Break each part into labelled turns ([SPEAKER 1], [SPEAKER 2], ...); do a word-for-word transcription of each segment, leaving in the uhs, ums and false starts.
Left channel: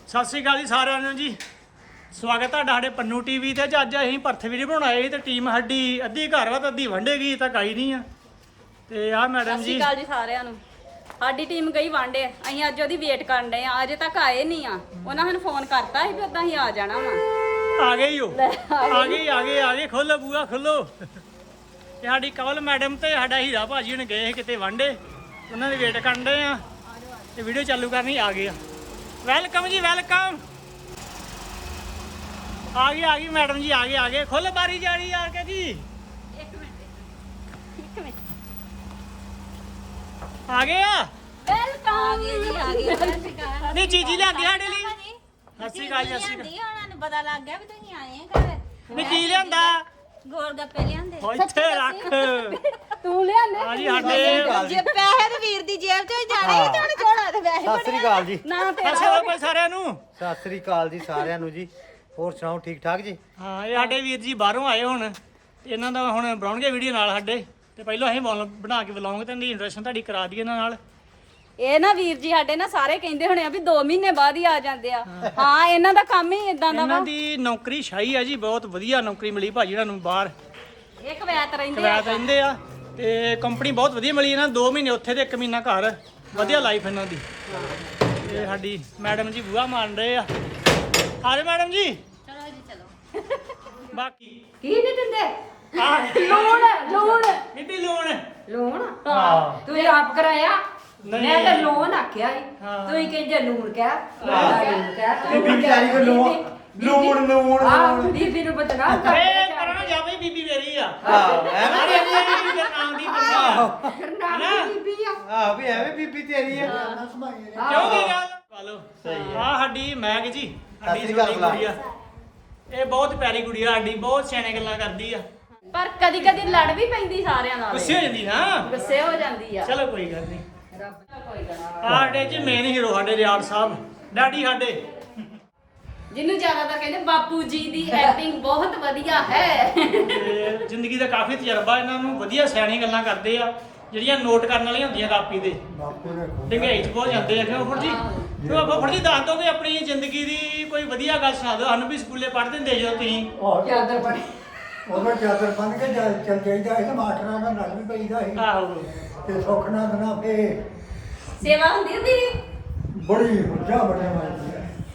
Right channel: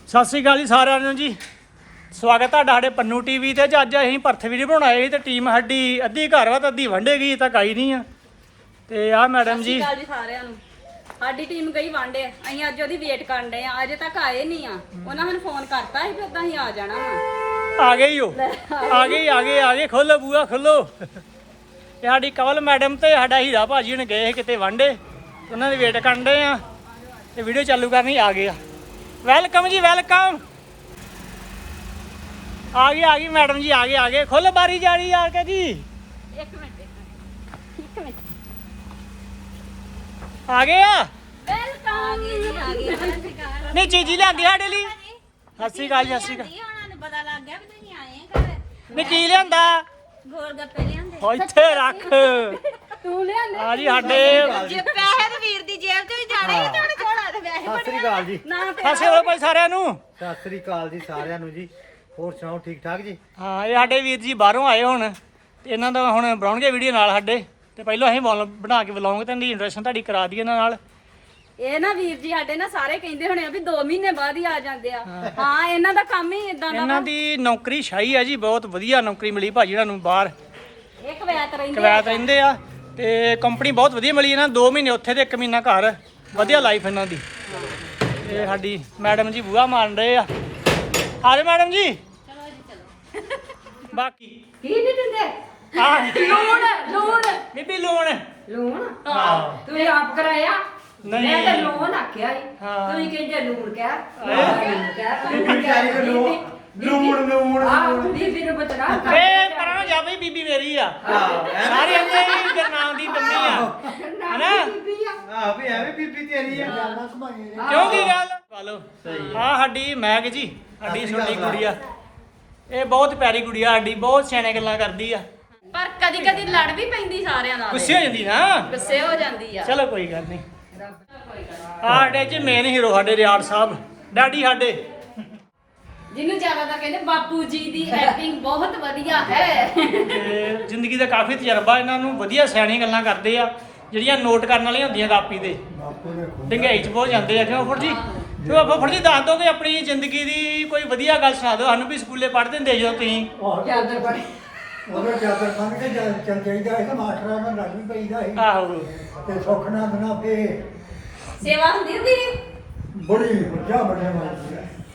[SPEAKER 1] ਸਤਿ ਸ਼੍ਰੀ ਅਕਾਲ ਜੀ ਸਾਰਿਆਂ ਨੂੰ ਜੀ। ਸਵਾਗਤ ਹੈ ਸਾਡੇ ਪੰਨੂ ਟੀਵੀ ਤੇ। ਅੱਜ ਅਸੀਂ ਭਰਥ ਵੀਡੀਓ ਬਣਾਏ ਸੀ ਤੇ ਟੀਮ ਸਾਡੀ ਅੱਧੀ ਘਰ ਵਾ ਤੇ ਅੱਧੀ ਵਾਂਢੇ ਗਈ ਤਾਂ ਕਾਈ ਨਹੀਂ ਆ। ਤੇ ਆ ਮੈਡਮ ਜੀ।
[SPEAKER 2] ਸਤਿ ਸ਼੍ਰੀ ਅਕਾਲ ਜੀ ਸਾਰਿਆਂ ਨੂੰ। ਸਾਡੀ ਟੀਮ ਗਈ ਵਾਂਢੇ, ਅਸੀਂ ਅੱਜ ਉਹਦੀ ਵੇਟ ਕਰਨ ਡਏ ਆ। ਅਜੇ ਤੱਕ ਆਏ ਨਹੀਂ ਆ। ਉਹਨਾਂ ਮੈਨੂੰ ਫੋਨ ਕਰਤਾ ਸੀ ਵੀ ਉਦਾਂ ਹੀ ਆ ਜਾਣਾ ਵਾ।
[SPEAKER 1] ਆ ਗਏ ਹੋ, ਆ ਗਏ ਆ ਗਏ ਆ ਗਏ। ਖੋਲੋ ਬੂਆ ਖੋਲੋ। ਤੇ ਸਾਡੀ ਕਵਲ ਮੈਡਮ ਤੇ ਸਾਡਾ ਹੀਰਾ ਭਾਜੀ ਹੁਣ ਗਏ ਕਿਤੇ ਵਾਂਢੇ, ਉਹਨਾਂ ਦੀ ਵੇਟ ਕਰਨ ਡਏ ਆ ਤੇ ਵੀਡੀਓ ਚਾਲੂ ਕਰਨੀ ਆ ਗਏ ਆ। ਵੈਲਕਮ ਜੀ ਵੈਲਕਮ। ਆ ਗਈ ਆ ਗਈ ਮੈਡਮ ਜੀ, ਆ ਗਏ ਆ ਗਏ। ਖੁੱਲ ਬਾਰੀ ਜਾਰੀ ਆ ਕੇ ਜੀ। ਆ ਗਏ ਆ
[SPEAKER 2] ਵੈਲਕਮ ਆ ਗਏ ਜੀ, ਆ ਗਏ।
[SPEAKER 1] ਨਹੀਂ ਚੀਜ਼ੀ ਲਿਆਂਦੀ ਸਾਡੇ ਲਈ। ਸਤਿ ਸ਼੍ਰੀ ਅਕਾਲ ਜੀ, ਸਤਿ ਸ਼੍ਰੀ ਅਕਾਲ।
[SPEAKER 2] ਉਹਨਾਂ ਨੂੰ ਪਤਾ ਲੱਗ ਗਿਆ ਵੀ ਤੁਸੀਂ ਆਏ ਆ ਘਰ।
[SPEAKER 1] ਨਹੀਂ ਕੀ ਲਿਆਂਦਾ?
[SPEAKER 2] ਗੋਲ ਗੱਪੇ ਲਿਆਂਦੇ।
[SPEAKER 1] ਹੋ ਇੱਥੇ ਰੱਖ।
[SPEAKER 2] ਤੂੰ ਲਿਆਂਦੇ?
[SPEAKER 1] ਆ ਜੀ ਸਾਡੇ
[SPEAKER 2] ਜੇ ਪੈਸੇ ਤੇ ਵੀਰ ਦੀ ਜੇਬ ਚੋਂ ਹੀ ਜਾਣੇ ਸੀ ਤੁਹਾਡੇ ਝੋਲਾ ਤੇ ਪੈਸੇ
[SPEAKER 3] ਸਤਿ ਸ੍ਰੀ ਅਕਾਲ ਜੀ।
[SPEAKER 2] ਨਾ ਤੇ
[SPEAKER 1] ਫਸੇ ਹੋ ਭਾਈ ਸਾਰਿਆਂ ਨੂੰ।
[SPEAKER 3] ਸਤਿ ਸ੍ਰੀ ਅਕਾਲ ਜੀ ਸਾਰਿਆਂ ਨੂੰ ਜੀ। ਹੋਰ ਸੁਣਾਓ ਠੀਕ ਠਾਕ ਜੀ?
[SPEAKER 1] ਹਾਂ ਇਹ ਸਾਡੇ ਵੀਰ ਜੀ ਬਾਹਰੋਂ ਆਏ ਹੁਣ ਤੇ ਇਹਨਾਂ ਦਾ ਹੁਣ ਬਣਾਉਣਗੇ ਵੀਡੀਓ ਨਾਲ ਸਾਡੇ। ਤੇ ਪਹਿਲਾਂ ਅਸੀਂ ਬੋਲ ਬਣਾ ਕੇ ਬੁਲਾਉਂਗੇ ਤੇ ਇਹਦੀ ਇੰਟਰੈਕਸ਼ਨ ਤੁਹਾਡੀ ਕਰਾ ਦਈਏ ਇਹਨਾਂ ਨਾਲ।
[SPEAKER 2] ਇਹ ਨਾ ਵੀਰ ਜੀ ਸਾਡੇ ਨਾ ਸਾਰੇ ਕਹਿੰਦੇ ਹੋਣੇ ਆ ਵੀ ਦੋ ਮਹੀਨੇ ਬਾਅਦ ਹੀ ਆ ਜਾਂਦੇ ਆ। ਹਾਂ ਇਹਨਾਂ ਦਾ ਕੰਮ ਹੀ ਇਦਾਂ ਦਾ
[SPEAKER 1] ਇਹਨਾਂ ਦੀ ਨੌਕਰੀ ਸ਼ਾਹੀ ਆ ਜੀ, ਬਹੁਤ ਵਧੀਆ ਨੌਕਰੀ ਮਿਲੀ ਭਾਜੀ ਇਹਨਾਂ ਨੂੰ ਬਾਹਰ।
[SPEAKER 2] ਇਹ ਕਵੈਤ ਰਹਿੰਦੇ
[SPEAKER 1] ਕਵੈਤ ਰਹਿੰਦੇ ਆ ਤੇ ਕੰਪਨੀ ਬਹੁਤ ਵਧੀਆ ਮਿਲੀ ਇਹਨਾਂ ਨੂੰ। ਦੋ ਮਹੀਨੇ ਉੱਥੇ ਤੇ ਇੱਕ ਮਹੀਨਾ ਘਰ। ਵਧੀਆ ਲਾਈਫ ਇਹਨਾਂ ਦੀ। ਇਹ ਸਾਡੀ ਮੈਡਮ ਜੀ ਬੂਹਾ ਮਾਰਨ ਰਹੇ ਆ। ਆ ਜਾਓ ਮੈਡਮ ਜੀ।
[SPEAKER 2] ਚਲੋ ਜੀ ਚਲੋ।
[SPEAKER 1] ਬਾਕੀ
[SPEAKER 2] ਕੀ ਨਹੀਂ ਦਿੰਦੇ?
[SPEAKER 1] ਆ
[SPEAKER 2] ਲੋਨ ਲੋਨ
[SPEAKER 1] ਬੀਬੀ ਲੋਨ।
[SPEAKER 2] ਲੋਨ
[SPEAKER 1] ਹਾਂ
[SPEAKER 2] ਤੂੰ ਆਪ ਕਰਾਇਆ?
[SPEAKER 1] ਨਹੀਂ।
[SPEAKER 2] ਮੈਂ ਤਾਂ ਲੋਨ ਆਖਿਆ ਸੀ।
[SPEAKER 1] ਹਾਂ।
[SPEAKER 2] ਤੂੰ ਕਿ ਜੇ ਲੋਨ ਕਹਿ ਲੋਨ ਕਹਿ
[SPEAKER 3] ਬੀਬੀ ਵਿਚਾਰੀ ਕੋ ਲੂਣ ਲੂਣ ਲੂਣ
[SPEAKER 2] ਆ ਬੀਬੀ ਨੂੰ ਬਤਨਾ ਕਰ।
[SPEAKER 1] ਇਹ ਕਰਾਂ ਜਾ ਬਈ ਬੀਬੀ ਮੇਰੀ ਆ। ਸਾਰੇ ਅੱਗੇ ਹੀ ਦੇ ਨਾਮ ਦੀ ਬੰਦੀ ਆ ਹੈਨਾ।
[SPEAKER 2] ਬੀਬੀ ਆ
[SPEAKER 3] ਆ ਵੀ ਐਵੇਂ ਬੀਬੀ ਤੇਰੀ ਹੈ।
[SPEAKER 1] ਕਿਉਂ ਕੀ ਗੱਲ? ਚਲੋ ਸਹੀ ਆ। ਸਾਡੀ ਮੈਗ ਜੀ, ਸਾਡੀ ਛੋਟੀ ਗੁੜੀਆ। ਇਹ ਬਹੁਤ ਪਿਆਰੀ ਗੁੜੀਆ ਸਾਡੀ, ਬਹੁਤ ਸਿਆਣੇ ਗੱਲਾਂ ਕਰਦੀ ਆ।
[SPEAKER 2] ਪਰ ਕਦੀ ਕਦੀ ਲੜ ਵੀ ਪੈਂਦੀ ਸਾਰਿਆਂ ਨਾਲ।
[SPEAKER 1] ਗੁੱਸੇ ਹੋ ਜਾਂਦੀ ਨਾ।
[SPEAKER 2] ਗੁੱਸੇ ਹੋ ਜਾਂਦੀ ਆ।
[SPEAKER 1] ਚਲੋ ਕੋਈ ਗੱਲ ਨਹੀਂ। ਸਾਡੇ ਜੀ ਮੇਨ ਹੀਰੋ ਸਾਡੇ ਰਿਆੜ ਸਾਹਿਬ ਡੈਡੀ ਸਾਡੇ।
[SPEAKER 2] ਜਿਹਨੂੰ ਜ਼ਿਆਦਾਤਰ ਕਹਿੰਦੇ ਬਾਪੂ ਜੀ ਦੀ ਐਕਟਿੰਗ ਬਹੁਤ ਵਧੀਆ ਹੈ।
[SPEAKER 1] ਤੇ ਜ਼ਿੰਦਗੀ ਦਾ ਕਾਫੀ ਤਜਰਬਾ ਇਹਨਾਂ ਨੂੰ। ਵਧੀਆ ਸਿਆਣੀ ਗੱਲਾਂ ਕਰਦੇ ਆ ਜਿਹੜੀਆਂ ਨੋਟ ਕਰਨ ਵਾਲੀਆਂ ਹੁੰਦੀਆਂ ਕਾਪੀ ਤੇ। ਡੰਗਾਈ ਚ ਬਹੁਤ ਜਾਂਦੇ ਆ। ਕਿਉਂ ਫੁੱਫੜ ਜੀ? ਕਿਉਂ ਫੁੱਫੜ ਜੀ ਦੱਸ ਦੋਗੇ ਆਪਣੀ ਜ਼ਿੰਦਗੀ ਦੀ ਕੋਈ ਵਧੀਆ ਗੱਲ ਸੁਣਾ ਦਿਓ ਸਾਨੂੰ ਵੀ। ਸਕੂਲੇ ਪੜ੍ਹਦੇ ਹੁੰਦੇ ਜਦੋਂ ਤੁਸੀਂ।
[SPEAKER 2] ਜ਼ਿਆਦਾ ਬੜੀ
[SPEAKER 4] ਉਹਦਾ ਜਿਆਦਾ ਬੰਦ ਕੇ ਚੱਲ ਜਾਈਦਾ ਇਹ ਮਾਸਟਰਾਂ ਨਾਲ ਲੜ ਵੀ ਪਈਦਾ ਸੀ
[SPEAKER 1] ਆਹੋ
[SPEAKER 4] ਤੇ ਸੁੱਖ ਨਾਲ ਬਣਾ ਕੇ
[SPEAKER 2] ਸੇਵਾ ਹੁੰਦੀ ਹੁੰਦੀ।
[SPEAKER 4] ਬੜੀ ਵੱਡਾ ਵੱਡਾ ਮਾਰਦੀ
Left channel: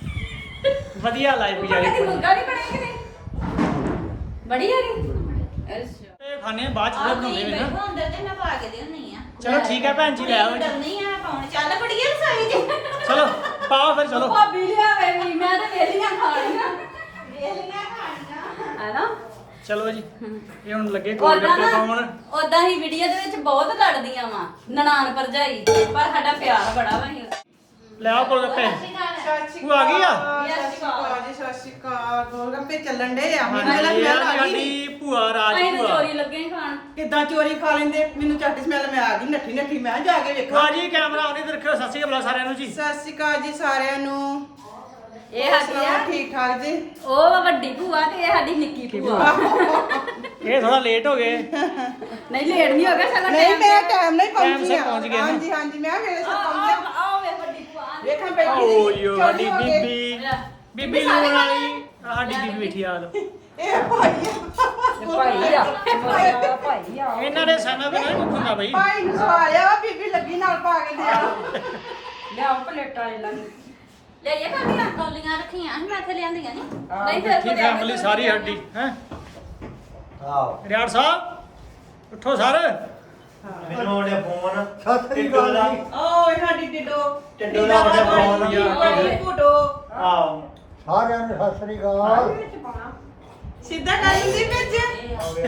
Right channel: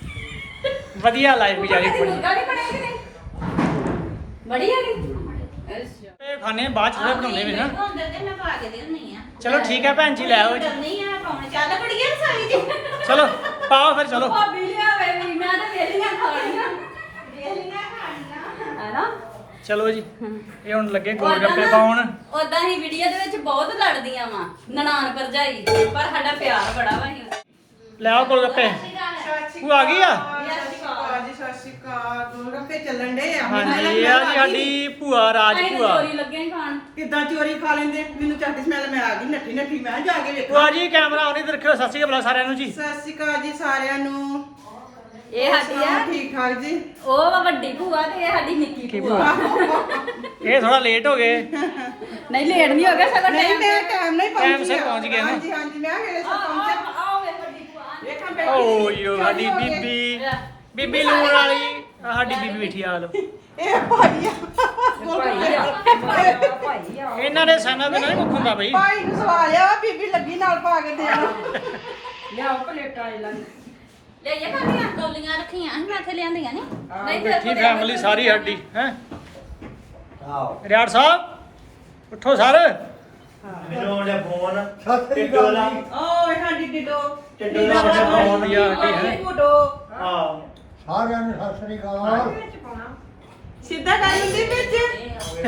[SPEAKER 1] ਵਧੀਆ ਲਾਈਫ ਗੁਜ਼ਾਰੀ
[SPEAKER 2] ਕਦੀ
[SPEAKER 1] ਕੋਈ।
[SPEAKER 2] ਮੁਰਗਾ ਨਹੀਂ ਬਣਾਇਆ ਕਿਤੇ? ਬੜੀ ਹੈਗੀ।
[SPEAKER 1] ਇਹ ਖਾਣੇ ਬਾਅਦ ਚ ਫਿਰ ਬਣਾਉਂਦੇ ਨੇ ਨਾ।
[SPEAKER 2] ਅੰਦਰ ਤੇ ਮੈਂ ਪਾ ਕੇ ਦੇਣੀ ਆ।
[SPEAKER 1] ਚਲੋ ਠੀਕ ਹੈ ਭੈਣ ਜੀ, ਲੈ ਆਓ ਜੀ।
[SPEAKER 2] ਨਹੀਂ ਆ ਪਾਉਣ। ਚੱਲ ਬੜੀਏ ਰਸਾਈ ਜੀ।
[SPEAKER 1] ਚਲੋ ਪਾਓ ਫਿਰ ਚਲੋ।
[SPEAKER 2] ਭਾਬੀ ਲਿਆ ਵੇ ਮੈਂ ਤਾਂ ਵੇਲੀਆਂ ਖਾਣੀਆਂ। ਵੇਲੀਆਂ ਖਾਣੀਆਂ ਹੈ ਨਾ।
[SPEAKER 1] ਚਲੋ ਜੀ ਇਹ ਹੁਣ ਲੱਗੇ ਗੋਲ ਗੱਪੇ ਪਾਉਣ।
[SPEAKER 2] ਉਦਾਂ ਹੀ ਵੀਡੀਓ ਦੇ ਵਿੱਚ ਬਹੁਤ ਲੜਦੀਆਂ ਵਾ ਨਨਾਣ ਭਰਜਾਈ, ਪਰ ਸਾਡਾ ਪਿਆਰ ਬੜਾ ਵਾ।
[SPEAKER 1] ਲੈ ਆਓ ਗੋਲ ਗੱਪੇ। ਉਹ ਆ ਗਈ ਆ।
[SPEAKER 5] ਜੀ ਸਤਿ ਸ਼੍ਰੀ ਅਕਾਲ। ਗੋਲਗੱਪੇ ਚੱਲਣ ਡੇ ਆ।
[SPEAKER 1] ਹਾਂਜੀ ਇਹ ਆ ਜੀ ਸਾਡੀ ਭੂਆ ਰਾਜ
[SPEAKER 2] ਅਸੀਂ ਤਾਂ
[SPEAKER 1] ਭੂਆ।
[SPEAKER 2] ਚੋਰੀ ਲੱਗੇ ਖਾਣ।
[SPEAKER 5] ਕਿੱਦਾਂ ਚੋਰੀ ਖਾ ਲੈਂਦੇ? ਮੈਨੂੰ ਝੱਟ ਸਮੈਲ ਮੈਂ ਆ ਗਈ ਨੱਠੀ ਨੱਠੀ। ਮੈਂ ਜਾ ਕੇ ਵੇਖਾਂ।
[SPEAKER 1] ਭੂਆ ਜੀ ਕੈਮਰਾ ਆਉਣੀ ਤੇ ਰੱਖਿਓ। ਸਤਿ ਸ਼੍ਰੀ ਅਕਾਲ ਸਾਰਿਆਂ ਨੂੰ ਜੀ।
[SPEAKER 5] ਸਤਿ ਸ਼੍ਰੀ ਅਕਾਲ ਜੀ ਸਾਰਿਆਂ ਨੂੰ।
[SPEAKER 2] ਇਹ
[SPEAKER 5] ਹੋਰ
[SPEAKER 2] ਸਾਡੀ
[SPEAKER 5] ਸੁਣਾਓ,
[SPEAKER 2] ਆ
[SPEAKER 5] ਠੀਕ ਠਾਕ ਜੀ?
[SPEAKER 2] ਉਹ ਵਾ ਵੱਡੀ ਭੂਆ ਤੇ ਇਹ ਸਾਡੀ ਨਿੱਕੀ ਭੂਆ।
[SPEAKER 1] ਇਹ ਥੋੜਾ ਲੇਟ ਹੋ ਗਏ।
[SPEAKER 2] ਨਹੀਂ ਲੇਟ ਨਹੀਂ ਹੋ ਗਿਆ ਸਗੋਂ
[SPEAKER 5] ਨਹੀਂ ਮੈਂ ਟਾਈਮ ਨਹੀਂ ਪਹੁੰਚੀ।
[SPEAKER 1] Time ਸਿਰ ਪਹੁੰਚ ਗਏ ਨਾ।
[SPEAKER 5] ਹਾਂਜੀ ਹਾਂਜੀ ਮੈਂ ਵੇਲੇ ਸਿਰ
[SPEAKER 2] ਆ
[SPEAKER 5] ਪਹੁੰਚਿਆ।
[SPEAKER 2] ਆ ਵੇ ਵੱਡੀ ਭੂਆ।
[SPEAKER 5] ਵੇਖਾਂ ਬੈਠੀ
[SPEAKER 1] ਓ
[SPEAKER 5] ਸੀ।
[SPEAKER 1] ਯੋ
[SPEAKER 5] ਚੋਰੀ
[SPEAKER 1] ਸਾਡੀ
[SPEAKER 5] ਹੋ ਗਏ।
[SPEAKER 1] ਬੀਬੀ ਬੀਬੀ ਲੂਣ ਵਾਲੀ। ਆਹ ਸਾਡੀ ਬੀਬੀ ਬੈਠੀ ਆ ਲੋ।
[SPEAKER 5] ਇਹ ਭਾਈ ਆ।
[SPEAKER 2] ਭਾਈ ਆ ਭਾਈ ਆ।
[SPEAKER 1] ਇਹਨਾਂ ਦੇ ਸਾਨਾ ਬਿਨਾਂ ਨਹੀਂ ਮੁੱਕ ਹੁੰਦਾ ਬਈ।
[SPEAKER 5] ਭਾਈ ਨੂੰ ਸਵਾਇਆ ਬੀਬੀ ਲੱਗੀ ਨਾਲ ਪਾ ਕੇ ਦਿਆ।
[SPEAKER 2] ਲਿਆਓ ਪਲੇਟਾਂ ਇਹ ਲੱਗ ਲੈ ਇਹ ਕਾਹਦੀਆਂ ਕੋਲੀਆਂ ਰੱਖੀਆਂ ਅਸੀਂ ਇੱਥੇ ਲਿਆਂਦੀਆਂ ਨੇ। ਨਹੀਂ
[SPEAKER 1] ਬੈਠੀ ਫੈਮਿਲੀ ਸਾਰੀ ਸਾਡੀ ਹੈ।
[SPEAKER 3] ਆਓ
[SPEAKER 1] ਰਿਆੜ ਸਾਹਿਬ ਉੱਠੋ ਸਰ।
[SPEAKER 3] ਮੈਨੂੰ ਉਹਨੇ ਫੋਨ
[SPEAKER 4] ਸਤਿ ਸ੍ਰੀ ਅਕਾਲ ਜੀ।
[SPEAKER 5] ਓ ਸਾਡੀ ਡਿਡੋ
[SPEAKER 3] ਟਿੱਡੋ ਦਾ ਉਹਨੇ ਫੋਨ
[SPEAKER 1] ਵਧੀਆ ਸਾਡੀ ਹੈ।
[SPEAKER 5] ਫੋਟੋ
[SPEAKER 3] ਆਓ
[SPEAKER 4] ਸਾਰਿਆਂ ਨੂੰ ਸਤਿ ਸ੍ਰੀ ਅਕਾਲ।
[SPEAKER 5] ਸਿੱਧਾ ਕਰ ਲੈਂਦੀ ਵਿੱਚ।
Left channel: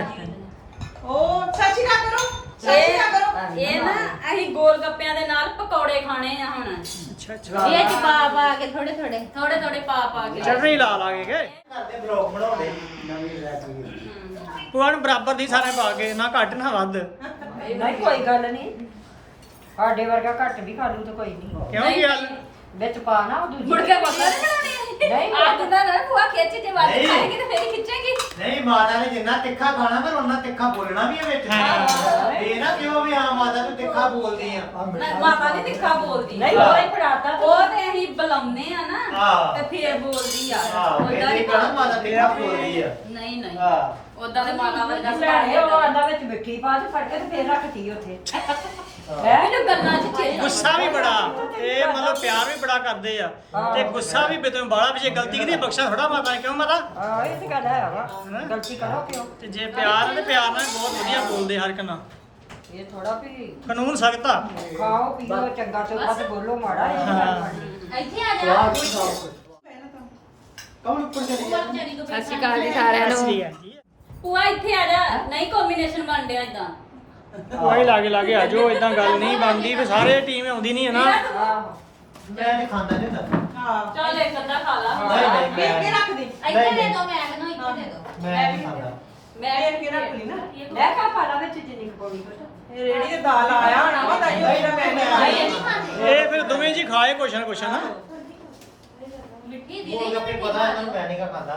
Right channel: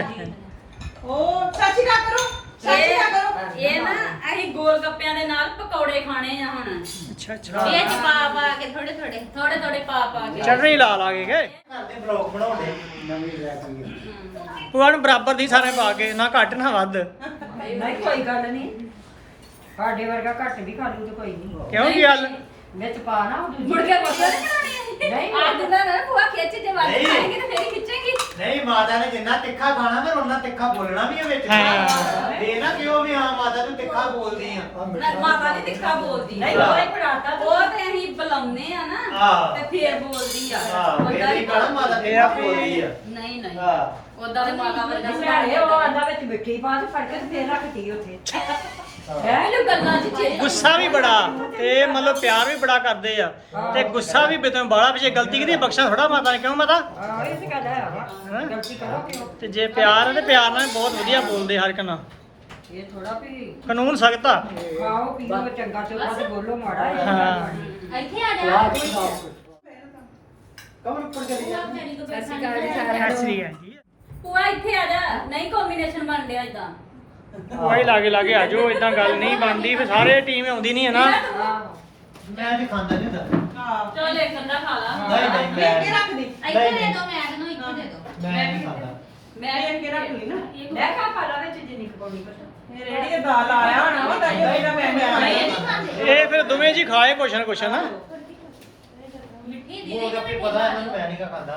[SPEAKER 5] ਓ ਸਤਿ ਸ਼੍ਰੀ ਅਕਾਲ ਕਰੋ। ਸਤਿ ਸ਼੍ਰੀ ਅਕਾਲ ਕਰੋ।
[SPEAKER 2] ਇਹ ਨਾ ਅਸੀਂ ਗੋਲ ਗੱਪਿਆਂ ਦੇ ਨਾਲ ਪਕੌੜੇ ਖਾਣੇ ਆ ਹੁਣ।
[SPEAKER 1] ਅੱਛਾ ਅੱਛਾ
[SPEAKER 2] ਇਹ ਚ ਪਾ ਪਾ ਕੇ ਥੋੜੇ ਥੋੜੇ ਥੋੜੇ ਥੋੜੇ ਪਾ ਪਾ ਕੇ।
[SPEAKER 1] ਚਟਨੀ ਲਾ ਲਾਗੇ ਗਏ।
[SPEAKER 3] ਕਰਦੇ ਬਲੌਗ ਬਣਾਉਂਦੇ।
[SPEAKER 4] ਨਵੀਂ ਲੈ ਕੇ
[SPEAKER 1] ਭੂਆ ਨੂੰ ਬਰਾਬਰ ਦੀ ਸਾਰੇ ਪਾ ਕੇ, ਨਾ ਘੱਟ ਨਾ ਵੱਧ।
[SPEAKER 6] ਨਹੀਂ ਕੋਈ ਗੱਲ ਨਹੀਂ। ਸਾਡੇ ਵਰਗਾ ਘੱਟ ਵੀ ਖਾ ਲੂ ਤਾਂ ਕੋਈ ਨਹੀਂ।
[SPEAKER 1] ਕਿਉਂ ਕੀ ਗੱਲ?
[SPEAKER 6] ਵਿੱਚ ਪਾ ਨਾ ਉਹ ਦੂਜੀ
[SPEAKER 2] ਮੁੜ ਕੇ ਬੋਤਲ ਬਣਾਉਣੀ
[SPEAKER 6] ਨਹੀਂ।
[SPEAKER 2] ਆ ਦਿੰਦਾ ਨਾ ਭੂਆ ਖਿੱਚ ਤੇ ਵੱਧ
[SPEAKER 3] ਨਹੀਂ।
[SPEAKER 2] ਖਾਏਗੀ ਤੇ ਫੇਰ ਖਿੱਚੇਗੀ।
[SPEAKER 3] ਨਹੀਂ ਮਾਤਾ ਨੇ ਜਿੰਨਾ ਤਿੱਖਾ ਖਾਣਾ ਫਿਰ ਉਹਨਾਂ ਤਿੱਖਾ ਬੋਲਣਾ ਵੀ ਹੈ ਵਿੱਚ।
[SPEAKER 1] ਹਾਂ।
[SPEAKER 3] ਇਹ ਨਾ ਕਿਉਂ ਵੀ ਹਾਂ ਮਾਤਾ ਤੂੰ ਤਿੱਖਾ ਬੋਲਦੀ ਆ।
[SPEAKER 4] ਆ ਮਿੱਠਾ
[SPEAKER 2] ਮਾਤਾ ਵੀ ਤਿੱਖਾ ਬੋਲਦੀ।
[SPEAKER 6] ਨਹੀਂ ਉਹ ਹੀ ਫੜਾਤਾ
[SPEAKER 2] ਉਹ ਤੇ ਅਸੀਂ ਬੁਲਾਉਂਦੇ ਲਾਉਨੇ ਆ ਨਾ
[SPEAKER 3] ਹਾਂ।
[SPEAKER 2] ਤੇ ਫੇਰ ਬੋਲਦੀ ਆ
[SPEAKER 3] ਆਹ
[SPEAKER 2] ਉਦਾਂ
[SPEAKER 3] ਇਹ
[SPEAKER 2] ਨਹੀਂ
[SPEAKER 3] ਕਹਣਾ ਮਾਤਾ
[SPEAKER 1] ਇਹ ਆ
[SPEAKER 3] ਤਿੱਖਾ
[SPEAKER 1] ਵੀ-
[SPEAKER 3] ਬੋਲਦੀ ਆ
[SPEAKER 2] ਨਹੀਂ ਨਹੀਂ
[SPEAKER 3] ਹਾਂ
[SPEAKER 2] ਉਦਾਂ ਦੇ ਮਾਤਾ ਵਰਗਾ ਸੁਭਾਅ
[SPEAKER 6] ਭੈਣੇ ਉਹ
[SPEAKER 2] ਹੈਗਾ।
[SPEAKER 6] ਆਂਦਾ ਵਿੱਚ ਮਿੱਠੀ ਪਾ ਤੇ ਫੜ ਕੇ ਤੇ ਫੇਰ ਰੱਖਤੀ ਉੱਥੇ
[SPEAKER 2] ਮੈਨੂੰ ਗੱਲਾਂ ਚ ਚੇਤਾ
[SPEAKER 1] ਗੁੱਸਾ ਵੀ ਬੜਾ ਤੇ ਮਤਲਬ ਪਿਆਰ ਵੀ ਬੜਾ ਕਰਦੇ ਆ ਤੇ ਗੁੱਸਾ ਵੀ ਬਿਤੋਂ ਬਾਲਾ ਵੀ ਜੇ ਗਲਤੀ ਕੀਤੀ ਬਖਸ਼ਾ ਥੋੜਾ ਮਾਤਾ ਨੇ ਕਿਉਂ ਮਾਤਾ
[SPEAKER 6] ਆਹ ਇਹ ਤੇ ਗੱਲ ਹੈ ਵਾ
[SPEAKER 1] ਹੈਂ?
[SPEAKER 6] ਗਲਤੀ ਕਰੋ ਕਿਉਂ
[SPEAKER 1] ਤੇ ਜੇ ਪਿਆਰ ਆ ਤੇ ਪਿਆਰ ਨਾਲ ਬਹੁਤ ਵਧੀਆ ਬੋਲਦੇ ਹਰ ਇੱਕ ਨਾਲ
[SPEAKER 6] ਇਹ ਥੋੜਾ ਵੀ
[SPEAKER 1] ਕਾਨੂੰਨ ਸਖਤ ਆ
[SPEAKER 6] ਖਾਓ ਪੀਓ ਚੰਗਾ ਚੰਗਾ ਤੇ ਬੋਲੋ ਮਾੜਾ ਹੈ
[SPEAKER 1] ਹਾਂ।
[SPEAKER 2] ਇੱਥੇ ਆ ਜਾ
[SPEAKER 4] ਸਵਾਦ ਵੀ ਖਾਓ
[SPEAKER 3] ਕੌਣ ਉੱਪਰ ਚਲੀ ਗਿਆ
[SPEAKER 2] ਸਤਿ ਸ਼੍ਰੀ ਅਕਾਲ ਜੀ ਸਾਰਿਆਂ
[SPEAKER 1] ਅਸਲੀ
[SPEAKER 2] ਨੂੰ
[SPEAKER 1] ਆ ਜੀ
[SPEAKER 2] ਪੂਆ ਇੱਥੇ ਆ ਜਾ ਨਹੀਂ ਕੰਬੀਨੇਸ਼ਨ ਬਣ ਡਿਆ ਇਦਾਂ
[SPEAKER 1] ਕੋਈ ਲਾਗੇ ਲਾਗੇ ਆ ਜਾਓ ਇਦਾਂ ਗੱਲ ਨਹੀਂ ਬਣਦੀ ਫੇ ਸਾਰੇ ਟੀਮ ਆਉਂਦੀ ਨਹੀਂ ਹੈ ਨਾ
[SPEAKER 6] ਆਹੋ
[SPEAKER 3] ਮੈਂ ਤੇ ਖਾਂਦਾ ਨਹੀਂ ਹੁੰਦਾ
[SPEAKER 5] ਹਾਂ
[SPEAKER 2] ਚਲ ਇੱਕ ਅੱਧਾ ਖਾ ਲਾ
[SPEAKER 3] ਨਹੀਂ ਨਹੀਂ
[SPEAKER 5] ਫੇਰ ਕੇ
[SPEAKER 3] ਮੈਂ
[SPEAKER 5] ਰੱਖ ਦੇ
[SPEAKER 2] ਇੱਥੇ ਦੇ ਦੋ ਮੈਂ ਨੂੰ ਇੱਥੇ ਦੇ ਦੋ
[SPEAKER 3] ਮੈਂ ਨਹੀਂ ਖਾਂਦਾ
[SPEAKER 5] ਫੇਰ ਕੇ ਰੱਖ ਲਈ ਨਾ
[SPEAKER 6] ਮੈਂ ਕਿਹਾ ਪਾਲਾ ਵਿੱਚ ਜਿੰਨੀ ਕੁ ਪਾਉਣੀ ਬਸ
[SPEAKER 5] ਇਹ ਰੇੜੀ ਤੇ ਦਾਲ ਆਇਆ ਹੋਣਾ ਵਾ ਤਾਂ ਇਹ ਮੇਰਾ ਮੈਂ ਨਹੀਂ
[SPEAKER 1] ਇਹ ਫਿਰ ਦੋਵੇਂ ਜੀ ਖਾਏ ਕੁਛ ਨਾ ਕੁਛ ਨਾ
[SPEAKER 2] ਮਿੱਠੀ ਦੀ
[SPEAKER 3] ਉਹ ਤਾਂ ਪਤਾ ਇਹਨਾਂ ਨੂੰ ਮੈਂ ਨਹੀਂ ਖਾਂਦਾ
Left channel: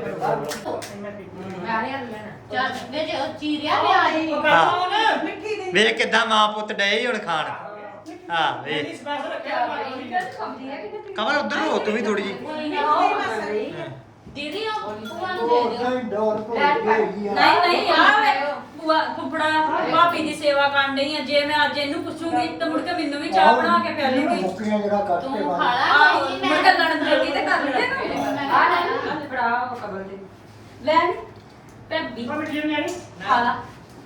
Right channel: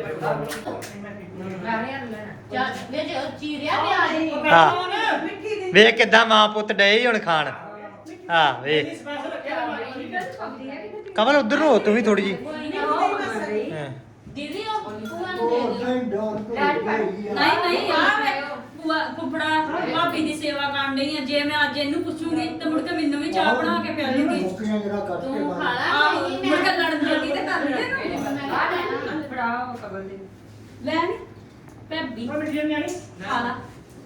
[SPEAKER 2] ਚੱਲ ਵੇ ਚੀਰਿਆ ਪਿਆਜ਼
[SPEAKER 1] ਹਾਂ
[SPEAKER 5] ਮਿੱਠੀ ਦੀ
[SPEAKER 1] ਵੇਖ ਕਿਦਾਂ ਮਾਂ ਪੁੱਤ ਡਏ ਹੁਣ ਖਾਣ ਹਾਂ ਵੇਖ ਕਮਲ ਉਧਰ ਨੂੰ ਹੋ ਤੂੰ ਵੀ ਥੋੜੀ ਜੀ
[SPEAKER 2] ਦੀਦੀ ਉਹ ਪੂਆ ਨੂੰ
[SPEAKER 4] ਉਹ
[SPEAKER 2] ਦੇ ਦਿਓ
[SPEAKER 4] ਨਹੀਂ ਡੋਰ ਭੁੱਲ ਗਈ ਆ
[SPEAKER 2] ਨਹੀਂ ਨਹੀਂ ਆ ਵੇ ਪੂਆ ਕੁਪੜਾ ਭਾਬੀ ਦੀ ਸੇਵਾ ਕਰਨ ਡਈ ਆ ਜੇ ਮੈਂ ਅੱਜ ਇਹਨੂੰ ਪੁੱਛੂਗੀ ਤਾਂ ਮੁੜ ਕੇ ਮੈਨੂੰ ਵੀ ਚਾਹ ਬਣਾ ਕੇ ਪਿਆਲੂਗੀ
[SPEAKER 4] ਮੁੱਕੀਆਂ ਜਿਹੜਾ ਕੱਟ ਕੇ
[SPEAKER 2] ਤੂੰ
[SPEAKER 4] ਬਾਹਰ
[SPEAKER 2] ਖਾ ਲਾ ਆਹੋ, ਮੁੜ ਕੇ ਲੜਨ ਜੋਗੀ ਤੇ ਕਰ ਲੈਣਾ
[SPEAKER 6] ਆ ਨਾ ਫੜਾ ਕਬਰ ਦੇ
[SPEAKER 2] ਲੈ ਨੀ ਭੱਬੀ ਖਾ ਲਾ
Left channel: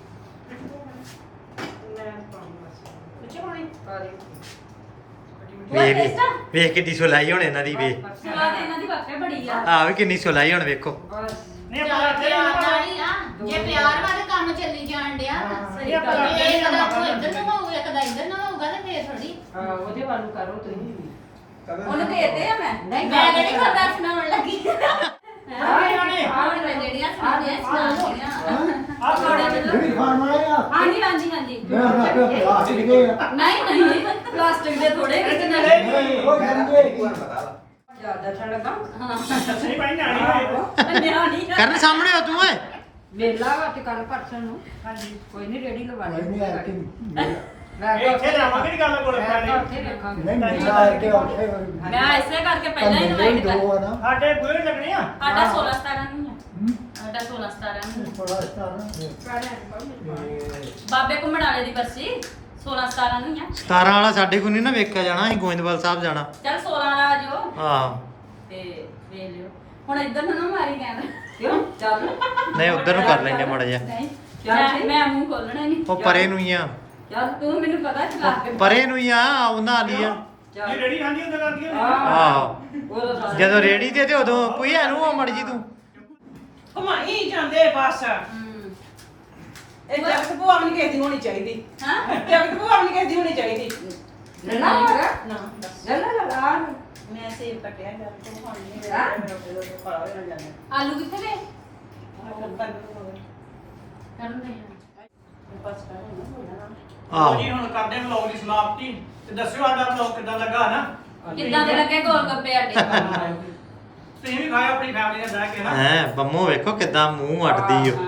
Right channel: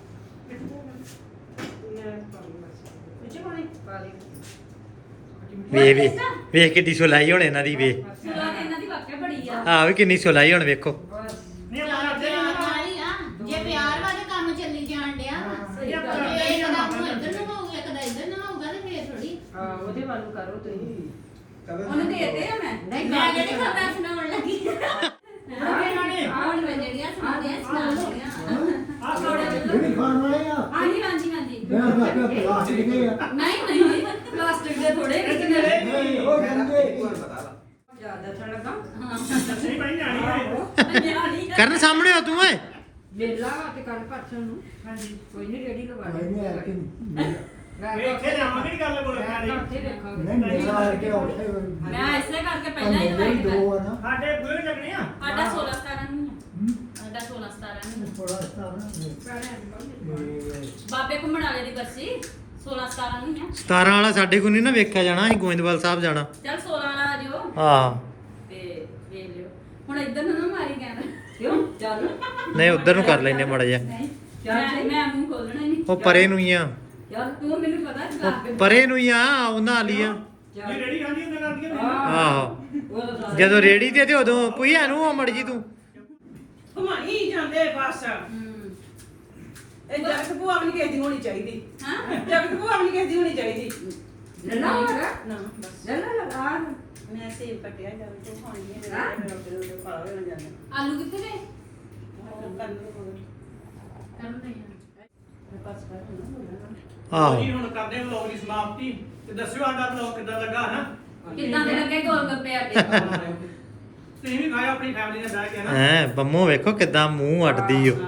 [SPEAKER 6] ਪਾ ਦੇ
[SPEAKER 1] ਵੇ ਵੇ ਵੇਖ ਕਿੱਡੀ ਸੁਲਾਈ ਹੁਣ ਇਹਨਾਂ ਦੀ ਵੇ
[SPEAKER 2] ਸੁਲਾ ਤੇ ਇਹਨਾਂ ਦੀ ਵਾਕਿਆ ਬੜੀ ਆ
[SPEAKER 1] ਆ ਵੀ ਕਿੰਨੀ ਸੁਲਾਈ ਹੁਣ ਵੇਖੋ
[SPEAKER 6] ਬਸ
[SPEAKER 7] ਪਿਆਰੀ ਆ ਜੇ ਪਿਆਰ ਵਾ ਤੇ ਕੰਮ ਚੱਲੀ ਜਾਣ ਡਿਆ
[SPEAKER 2] ਸਹੀ ਗੱਲ ਆ।
[SPEAKER 7] ਜੇ ਇੱਕ ਦਾ ਉਹ ਇੱਧਰ ਨੂੰ ਹੋਊਗਾ ਇੱਕ ਦਾ ਇੱਧਰ ਨੂੰ ਹੋਊਗਾ ਤੇ ਫੇਰ ਥੋੜੀ
[SPEAKER 6] ਹਾਂ, ਉਹਦੇ ਵੱਲ ਨੂੰ ਕਰੋ ਤੁਸੀਂ
[SPEAKER 2] ਉਹਨੂੰ ਦੇ ਦੇ ਆ ਮੈਂ
[SPEAKER 7] ਮੈਂ ਕਿਹੜੀ ਖਬਰਾਂ ਸੁਣਾਉਣ ਲੱਗੀ ਹੁਣ ਮੈਂ ਜਿਹੜੀਆਂ ਸੁਣਾਉਂਦੀਆਂ ਸੁਣਾਉਂਦੀਆਂ
[SPEAKER 1] ਆ
[SPEAKER 2] ਥੋੜੇ
[SPEAKER 4] ਜਿਹੜੀ ਖਾਣ ਵਾਲੇ ਆ
[SPEAKER 2] ਹਾਂਜੀ ਹਾਂਜੀ ਹਾਂਜੀ
[SPEAKER 4] ਮੈਂ ਉਹਨਾਂ ਕੇ ਪਲਾਸਟਿਕ ਦੇ ਆ
[SPEAKER 2] ਨਹੀਂ ਨਹੀਂ ਪਲਾਸਟਿਕ ਦੇ ਥੋੜੇ ਕਿਸੇ ਨਾਲ
[SPEAKER 4] ਉਹ ਕਹਿੰਦੇ
[SPEAKER 6] ਜਿਆਦਾ ਠੰਡ ਲੱਗਾ
[SPEAKER 1] ਨਹੀਂ ਭਾਈ ਨਿਆਣੀ
[SPEAKER 2] ਨਿਆਣੀ ਆ।
[SPEAKER 1] ਕਰਨ ਸਾਹਮਣੇ ਹੋ ਤੂੰ ਓਏ
[SPEAKER 6] ਮੇਲਾ ਵਾ ਤੇ ਕੱਲ ਪਰਸੋਂ ਨੂੰ ਹਾਂਜੀ ਕੋਈ ਨਹੀਂ ਰੇੜੀ ਲਵਾਣੀ
[SPEAKER 4] ਕੋਈ ਨਹੀਂ ਆ ਕੇ
[SPEAKER 6] ਮੈਂ ਕਿਹਾ
[SPEAKER 1] ਇੱਥੇ ਜਾਵਾਂਗੇ ਨੀ ਗੱਲ ਕੋਲ
[SPEAKER 6] ਮੈਂ ਕਿਹਾ
[SPEAKER 1] ਪੈਣੀ।
[SPEAKER 6] ਉੱਥੇ ਵੇਖਾਂਗੇ
[SPEAKER 4] ਨਹੀਂ ਮੇਰਾ ਆ ਕੇ ਉੱਥੇ
[SPEAKER 2] ਮੈਂ ਇਸੇ ਕਰਕੇ ਪਹਿਲਾਂ ਹੀ
[SPEAKER 4] ਪੰਨੇ
[SPEAKER 2] ਇਨਵਾਈਟ
[SPEAKER 4] ਦੋ
[SPEAKER 2] ਕਰ
[SPEAKER 4] ਆ ਨਾ
[SPEAKER 1] ਸਾਡੇ ਬੁਰੇ ਲੱਗਣੇ ਆ
[SPEAKER 2] ਸਾਡਾ ਸੋਲਾਂ ਸਤਾਰਾਂ ਨੂੰ ਆ। ਸਾਡਾ ਸੋਲਾਂ ਸਤਾਰਾਂ ਨੂੰ
[SPEAKER 4] ਥੋੜਾ ਸਤਾਰਾਂ
[SPEAKER 2] ਬਾਬੇ ਘੁੰਮਣ ਵਾਲੇ ਦੀ ਬਰਸੀ ਸੋਲਾਂ ਸਤਾਰਾਂ ਨੂੰ ਆ
[SPEAKER 1] ਸਤਾਰਾਂ ਵਾਲਾ ਸਾਡੇ ਕੋਲ ਨਹੀਂ ਨਾ ਵੇਖਿਆ ਜਾਣਾ ਅਸੀਂ ਗੋਇੰਦਵਾਲ ਸਾਹਿਬ ਜਾਣਾ
[SPEAKER 2] ਚੱਲ ਸੋਲਾਂ ਵਾਲਾ ਆ ਜਿਓ
[SPEAKER 1] ਹਾਂ
[SPEAKER 2] ਤੇ ਵੇਖ ਲਿਓ ਹੁਣ ਇੱਧਰ ਨੂੰ ਨਾ ਮਾਰੀ ਕਹਿਣਾ
[SPEAKER 6] ਕਿਉਂ ਚੱਲ
[SPEAKER 1] ਨਹੀਂ ਉਧਰ ਨੂੰ ਕਰ ਲੈਨੇ ਮਾੜਾ ਜਿਹਾ
[SPEAKER 2] ਨਹੀਂ ਮੈਂ ਮੈਂ ਮੂੰਹ ਖੋਲਣਾ ਨਹੀਂ
[SPEAKER 1] ਉਹ ਪਰੇ ਨੂੰ ਹੀ ਆ
[SPEAKER 6] ਚੱਲ
[SPEAKER 2] ਤੂੰ ਮੈਨੂੰ ਪਤਾ ਚਲਾ ਕੇ
[SPEAKER 1] ਪਰੇ ਨੂੰ ਹੀ ਆ ਉਹਨਾਂ ਵਾਲੀ ਆ
[SPEAKER 6] ਚੱਲ
[SPEAKER 1] ਰੇੜੀ ਖਾਂਦੀ ਹੁੰਦਾ ਕਰਦੀ
[SPEAKER 6] ਆਹੋ
[SPEAKER 1] ਆਹੋ ਜਦੋਂ ਰੇੜੀ ਤੇ ਤੇ ਉਦੋਂ ਪੁਈਆ ਨੂੰ ਆ ਮੜ ਜੀ ਤੂੰ
[SPEAKER 5] ਘੁਮਾਈ ਜਾਂਦੇ ਬਸ
[SPEAKER 2] ਹੂੰ
[SPEAKER 5] ਇਹ ਜਗਤ ਭੂਆ ਵੀ ਨੀ ਕਿਸੇ ਦੀ ਹੋਣੀ ਚਾਹੀਦੀ
[SPEAKER 2] ਹਾਂ
[SPEAKER 5] ਜਗਤ ਭੂਆ ਵੀ ਨੀ ਕਿਸੇ ਦੀ ਹੋਣੀ ਚਾਹੀਦੀ
[SPEAKER 6] ਨੱਲਾ ਹੋਗਾ
[SPEAKER 5] ਨਾ ਬਸ
[SPEAKER 6] ਨੱਲਾ ਲਗਾ
[SPEAKER 5] ਮੈਂ ਸੇਵ ਕੱਟਿਆ ਗੱਲ ਤੋਂ ਖਾਣੀ
[SPEAKER 6] ਹਾਂ?
[SPEAKER 5] ਹੈ ਪਾ ਹੋਏ ਨਾ ਜਾਂਦਾ
[SPEAKER 2] ਆਲੂ ਕਿੱਥੇ ਨੇ
[SPEAKER 5] ਕਰਨ
[SPEAKER 2] ਕਰਨ ਦੇ
[SPEAKER 5] ਬਸ
[SPEAKER 1] ਆਹੋ
[SPEAKER 8] ਜੀ ਹੁਣ ਕਰਦੇ ਵਲੌਗ ਦੀ ਸਮਾਪਤੀ ਤੇ ਦੱਸਿਓ ਸਾਡਾ ਵਲੌਗ ਕਿੱਦਾਂ ਲੱਗਾ ਨਾ
[SPEAKER 2] ਕਿੱਦਾਂ ਦੇ ਲੱਗੇ ਗੋਲ ਗੱਪੇ ਆਡੇ
[SPEAKER 8] ਤੁਸੀਂ ਵੀ ਖਾਓ ਆਪਣੀ ਫੈਮਿਲੀ ਨਾਲ ਬਹਿ ਕੇ ਨਾ
[SPEAKER 1] ਹੈ ਬੰਮੋ ਵੇਖੋ ਕਿਦਾਂ ਮੂੰਹ ਅੱਡਦੀ ਓ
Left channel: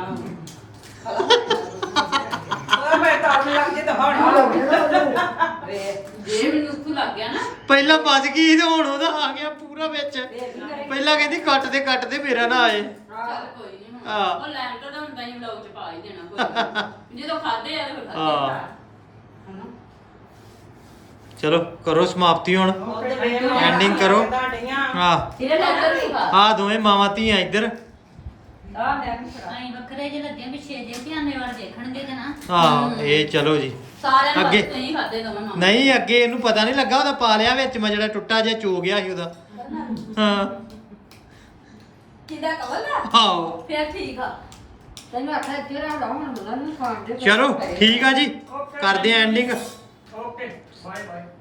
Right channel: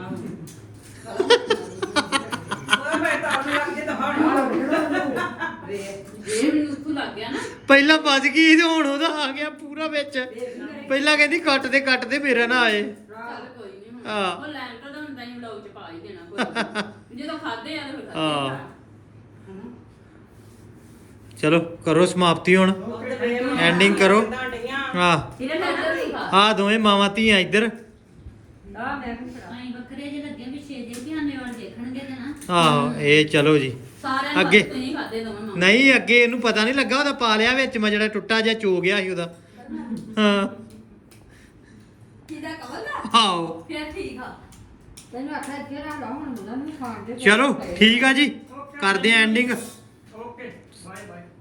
[SPEAKER 5] ਉਹ ਮੈਂ ਤਾਂ ਲੱਗ ਜੇ ਤਾਂ ਹਣ
[SPEAKER 2] ਜੇ ਮੈਨੂੰ ਉੱਥੋਂ ਲੱਗ ਗਿਆ ਨਾ
[SPEAKER 1] ਪਹਿਲਾਂ ਬਚ ਗਈ ਤੇ ਹੁਣ ਉਹਦਾ ਆ ਗਿਆ ਪੂਰਾ ਵਿੱਚ ਪਹਿਲਾਂ ਕਹਿੰਦੀ ਕੱਟ ਦੇ ਕੱਟ ਦੇ ਮੇਰਾ ਨਾ ਆਏ
[SPEAKER 2] ਚੱਲ ਕੋਈ ਨਹੀਂ
[SPEAKER 1] ਹਾਂ।
[SPEAKER 2] ਉਹ ਲੈਂਟਰ ਦਾ ਹੁੰਦਾ ਹੀ ਵਲੌਗ ਚ ਪਾ ਹੀ ਦੇਣਾ ਕੋਈ ਨੀ। ਜਦੋਂ ਖਾਦੇ ਆ ਤੇ ਫਿਰ
[SPEAKER 1] ਹਾਂ।
[SPEAKER 2] ਖਾਦੇ ਆ
[SPEAKER 1] ਚਲੋ ਕਰੋ ਸਮਾਪਤੀ ਹੁਣ Ending ਕਰੋ। ਆ
[SPEAKER 2] ਇਹਦੇ ਲੈਂਟਰ ਵੀ ਖਾ
[SPEAKER 1] ਆ ਦੋਵੇਂ ਮਾਵਾਂ ਧੀਆਂ ਇੱਧਰ
[SPEAKER 6] ਆ ਮੈਂ ਵੀ ਫੜਾ
[SPEAKER 7] ਅਸੀਂ ਵੱਖਰੇ ਜਿਹੇ ਲੱਗੇ ਪਿੱਛੇ ਜੇ ਧਿਆਨੇ ਵਾਲ ਦੇਖਣ ਦੇ ਨਾ
[SPEAKER 1] ਆਹੋ ਇਹ ਚਲੋ ਜੀ
[SPEAKER 2] ਸਾਰਿਆਂ ਨੂੰ
[SPEAKER 1] ਅੱਗੇ।
[SPEAKER 2] ਤੁਸੀਂ ਖਾਦੇ ਦੋਵੇਂ ਮਾਂ
[SPEAKER 1] ਨਹੀਂ ਅੱਗੇ ਇਹਨੂੰ ਪਤਾ ਨਹੀਂ ਲੱਗਾ ਉਹਦਾ ਪਾ ਲਿਆ ਵਿੱਚ ਮੈਂ ਜਿਹੜਾ ਟੁੱਟਾ ਜਿਹਾ ਚੋ ਗਿਆ ਸੀ ਉਹਦਾ ਹਾਂ
[SPEAKER 2] ਕਿਹਦਾ ਕਵਲ ਆ
[SPEAKER 1] ਆਓ
[SPEAKER 2] ਫਿਰ ਠੀਕ ਆ
[SPEAKER 6] ਤੈਨੂੰ ਆਖਿਆ ਇੱਥੇ ਰਹਿ ਹੁਣ ਉਹਨਾਂ ਨੂੰ ਖਾਣ ਦੇ
[SPEAKER 1] ਚਲੋ ਠੀਕ ਆ ਜੀ ਕਰਦੇ ਆ ਐਂਡਿੰਗ
[SPEAKER 8] ਓਕੇ ਬਾਏ ਬਾਏ